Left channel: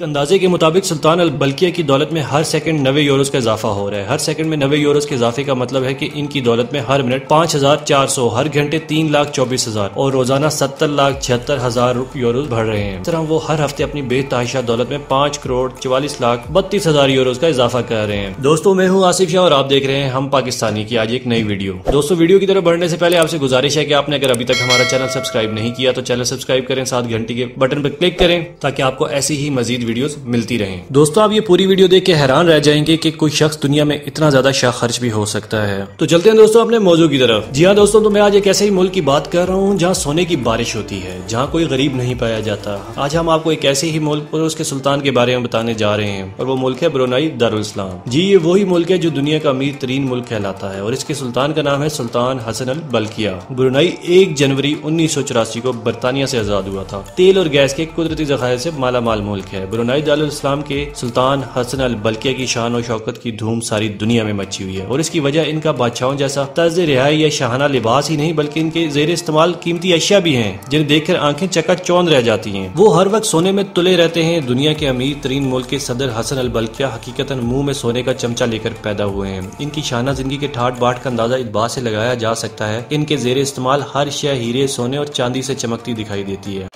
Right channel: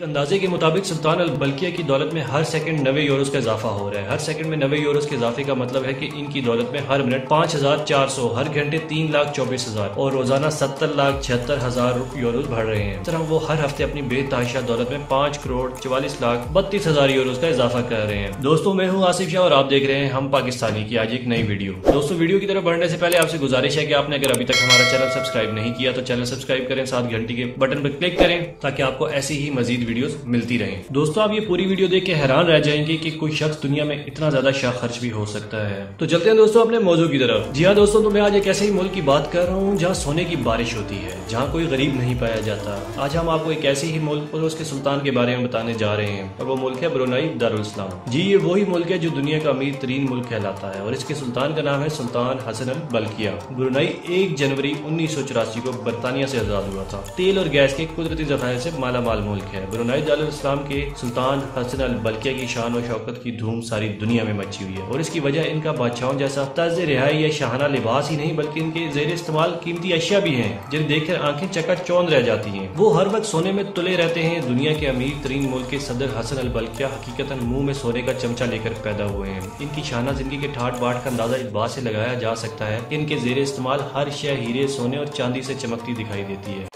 एक अंदाजे के मुताबिक सुल्तान अल बल्किया की दौलत में हर सेकंड 90 यूरोस का इजाफा हो रहा है। हर सेकंड में 90 यूरोस के इजाफे का मतलब है कि इनकी दौलत में हर मिनट 5,400, हर घंटे 3,24,000 और रोजाना 70,76,000 यूरोस बढ़ रहे हैं। इस तरह वो हर हफ्ते अपनी बेतहाशा दौलत में 5,44,32,000 यूरोस का इजाफा कर रहे हैं। दोस्तों, मैं हूँ आसिफ शाह और आप देख रहे हैं हम पाकिस्तानी की आज एक नई वीडियो। दोस्तों, वीडियो की तरफ बढ़ने से पहले आपसे गुजारिश है कि आपने अगर अभी तक हमारा चैनल सब्सक्राइब नहीं किया तो चैनल सब्सक्राइब करें, साथ घंटी के बटन पर क्लिक करें ताकि आपको ऐसी ही मजीद वीडियोस मिलती रहें। दोस्तों, आप ये पूरी वीडियो देख के हैरान रह जाएंगे कि कोई शख्स दुनिया में इतना ज्यादा शाह खर्च भी हो सकता है। तो चलते हैं दोस्तों अपने मौजू की तरफ। जी हाँ दोस्तों, तो मैं आज एक ऐसे ही मुल्क की बात कर रहा हूँ जहाँ सोने की बारिश होती है, जहाँ कोई गरीब नहीं पाया जाता। आज हम आपको एक ऐसे ही मुल्क और उसके सुल्तान के बारे में बताने जा रहे हैं और वो मुल्क है ब्रुनाई दारुल इस्लाम। जी, ये वही मुल्क है जो दुनिया का अमीर तरीन मुल्क कहलाता है और इसके सुल्तान का नाम है सुल्तान हसन अल बल्किया। ब्रुनाई 1 जनवरी 1984 को बरतानिया से आजाद हुआ था। तेल और गैस के कुदरती ज़खायर से माला माल मुल्क है। ब्रुनाई दारुल इस्लाम के सुल्तान हसन अल बल्किया की शान और शौकत की धूम सारी दुनिया में मची हुई है और इसकी वजह इनका बादशाहों जैसा तर्ज रिहाई या शाहाना लिबास ही नहीं बल्कि इनके जेर इस्तेमाल कीमती अशिया भी हैं जिन्हें देखकर आंखें चकाचौंध रह जाती हैं। वो हर वक्त सोने में तुले रहते हैं। दुनिया के अमीर तरीन मुल्क के सदर हसन अल बल्किया हकीकतन मुंह में सोने का चमचा लेकर पैदा हुए हैं। इनकी शाना जिंदगी के ठाट बाट का अंदाजा इस बात से लगाया जा सकता है कि इनके जेर इस्तेमाल हर शय हीरे, सोने और चांदी से चमकती दिखाई देती है।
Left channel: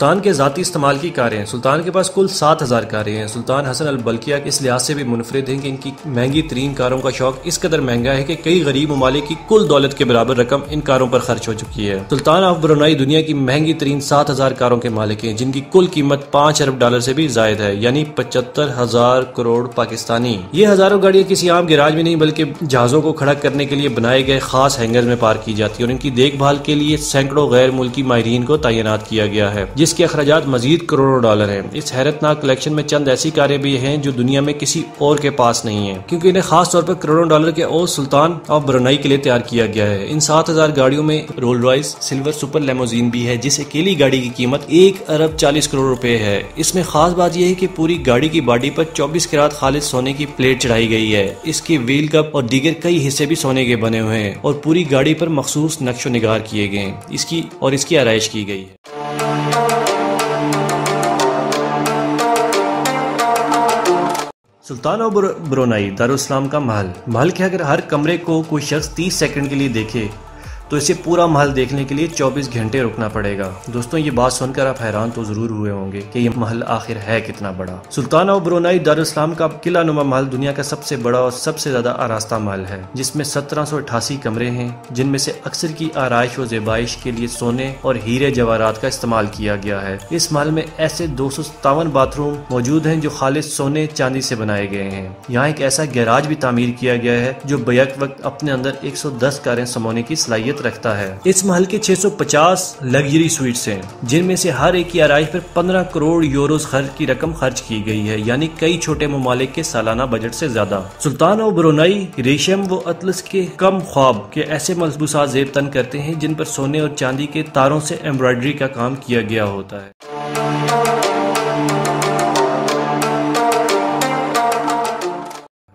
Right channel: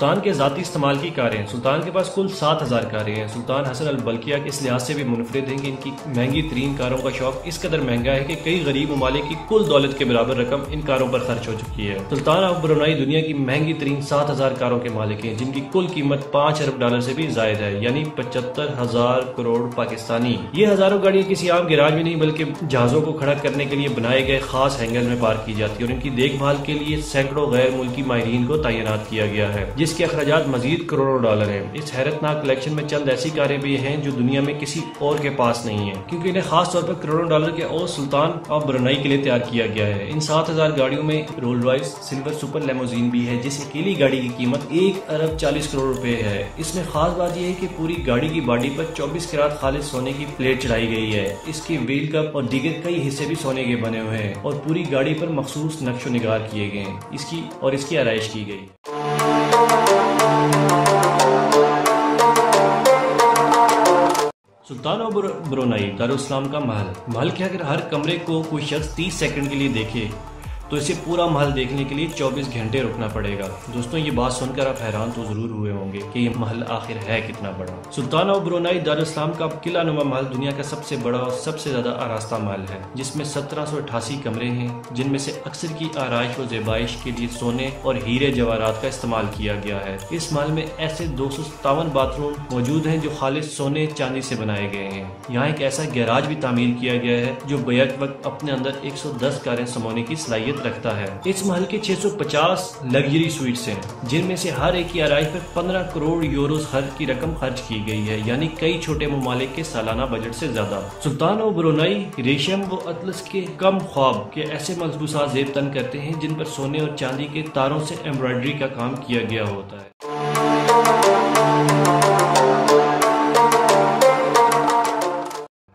सुल्तान के जाती इस्तेमाल की कारें। सुल्तान के पास कुल 7,000 कारें हैं। सुल्तान हसन अल बल्किया इस लिहाज से भी मुनफरिद हैं कि इनकी महंगी तरीन कारों का शौक इस कदर महंगा है कि कई गरीब ममालिक की कुल दौलत के बराबर रकम इन कारों पर खर्च हो चुकी है। सुल्तान ऑफ ब्रुनाई दुनिया की महंगी तरीन 7,000 कारों के मालिक हैं जिनकी कुल कीमत 5 अरब डॉलर से भी जायद है, यानी 75,000 करोड़ पाकिस्तानी। ये हजारों गाड़ियां किसी आम गैराज में नहीं बल्कि जहाजों को खड़ा करने के लिए बनाए गए खास हैंगर में पार्क की जाती है और इनकी देखभाल के लिए सैकड़ों गैर मुल्की माहिरीन को तैनात किया गया है जिसके अखराजात मजीद करोड़ों डॉलर हैं। इस हैरतनाक कलेक्शन में चंद ऐसी कारें भी हैं जो दुनिया में किसी और के पास नहीं है क्योंकि इन्हें खास तौर पर करोड़ों डॉलर के और सुल्तान ऑफ ब्रुनाई के लिए तैयार किया गया है। इन 7,000 गाड़ियों में Rolls Royce silver super limousine भी है जिस अकेली गाड़ी की कीमत 1 अरब 40 करोड़ रुपए है। इसमें खास बात यह है कि पूरी गाड़ी की बॉडी पर 24 कैरेट खालिस सोने की प्लेट चढ़ाई गई है। इसके व्हील कप और दीगर कई हिस्से भी सोने के बने हुए हैं और पूरी गाड़ी पर मखसूस नक्शो निगार किए गए हैं। इसकी आराइश की गई है। सुल्तान ऑफ ब्रुनाई दारुल इस्लाम का महल के अगर हर कमरे को कोई शख्स 30 सेकंड के लिए देखे तो इसे पूरा महल देखने के लिए 24 घंटे रुकना पड़ेगा। दोस्तों, ये बात सुनकर आप हैरान तो जरूर हुए होंगे कि ये महल आखिर है कितना बड़ा। सुल्तान ऑफ ब्रुनाई दारुल इस्लाम का किला नुमा महल दुनिया का सबसे बड़ा और सबसे ज्यादा आरास्ता महल है जिसमें 1788 कमरे हैं जिनमें से अक्सर की आराइश व ज़ेबाइश के लिए सोने और हीरे जवाहरात का इस्तेमाल किया गया है। इस महल में ऐसे 257 बाथरूम मौजूद हैं जो खालिस सोने चांदी से बनाए गए हैं। यहाँ एक ऐसा गैराज भी तामीर किया गया है जो बैक वक्त अपने अंदर 110 कारें समाने की सलाहियत रखता है। इस महल के 650 लग्जरी स्वीट्स हैं जिनमें से हर एक की आराइश पर 15 करोड़ यूरोस की रकम खर्च की गई है, यानी कई छोटे ममालिक के सालाना बजट से ज्यादा। सुल्तान ऑफ ब्रुनाई रेशम व अतलस के कम ख्वाब के ऐसे मलबूसात ज़ेब तन करते हैं जिन पर सोने और चांदी के तारों से एम्ब्रॉयडरी का काम किया गया होता है।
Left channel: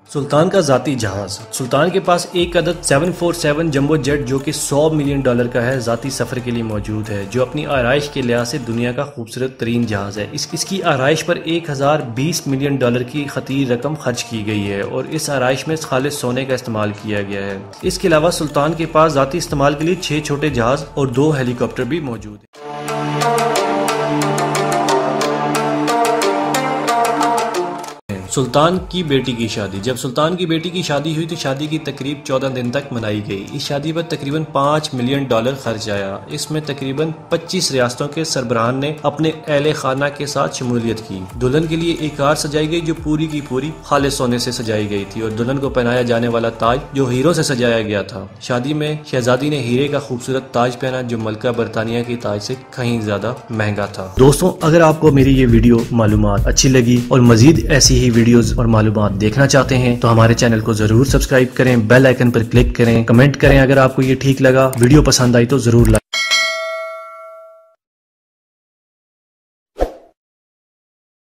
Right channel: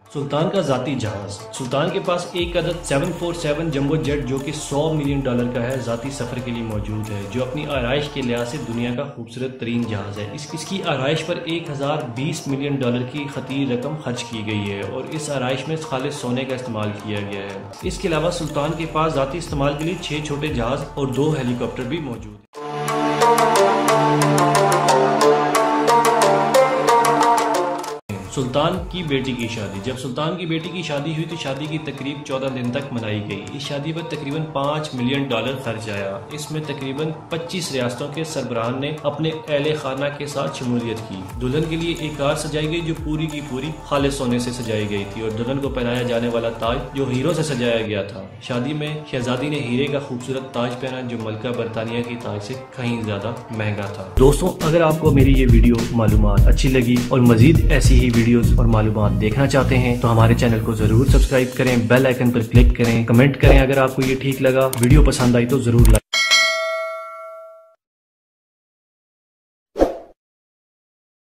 सुल्तान का जाती जहाज। सुल्तान के पास एक अदद 747 जंबो जेट जो कि $100 मिलियन का है जाती सफर के लिए मौजूद है जो अपनी आराइश के लिहाज से दुनिया का खूबसूरत तरीन जहाज है। इसकी आराइश पर 1020 मिलियन डॉलर की खतीर रकम खर्च की गई है और इस आराइश में खालिस सोने का इस्तेमाल किया गया है। इसके अलावा सुल्तान के पास जाती इस्तेमाल के लिए 6 छोटे जहाज और 2 हेलीकॉप्टर भी मौजूद है। सुल्तान की बेटी की शादी। जब सुल्तान की बेटी की शादी हुई तो शादी की तकरीब 14 दिन तक मनाई गई। इस शादी पर तकरीबन $5 मिलियन खर्च आया। इसमें तकरीबन 25 रियासतों के सरबराहान ने अपने अहले खाना के साथ शमूलियत की। दुल्हन के लिए एक कार सजाई गई जो पूरी की पूरी खालिस सोने से सजाई गई थी और दुल्हन को पहनाया जाने वाला ताज जो हीरो से सजाया गया था। शादी में शहजादी ने हीरे का खूबसूरत ताज पहना जो मलका बरतानिया की ताज से कहीं ज्यादा महंगा था। दोस्तों, अगर आपको मेरी ये वीडियो मालूमात अच्छी लगी और मजीद ऐसी ही वीडियोस और मालूमात देखना चाहते हैं तो हमारे चैनल को जरूर सब्सक्राइब करें, बेल आइकन पर क्लिक करें, कमेंट करें। अगर आपको ये ठीक लगा, वीडियो पसंद आई तो जरूर